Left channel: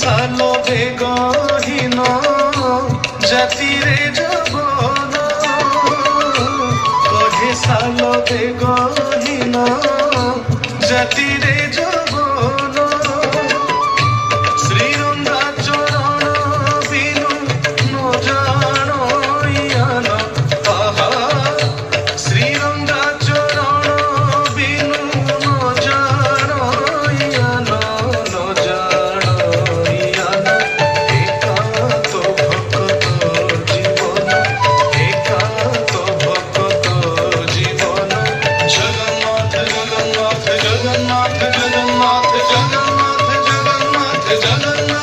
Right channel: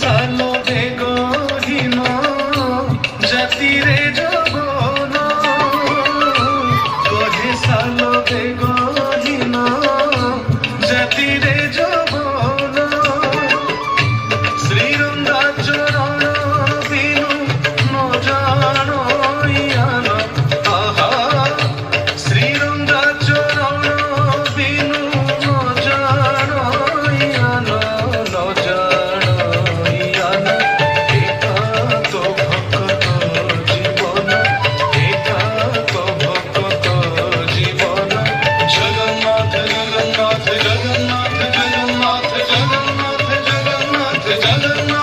সালো বেগহীন জাতিরে যৌবন, কহে সালো বেগহীন জাতিরে যৌবন। শ্রীরঙ্গা চরণ বিনু ন জানইয়ান, আহা শ্রীরঙ্গা চরণ বিনু ন জানইয়ান, ন জানইয়ান। একান্ত ভক্ত জীবন, একান্ত ভক্ত জীবন। জগন্নাথ জগন্নাথ জগন্নাথ জগন্নাথ জগন্নাথ জগন্নাথ জগন্নাথ।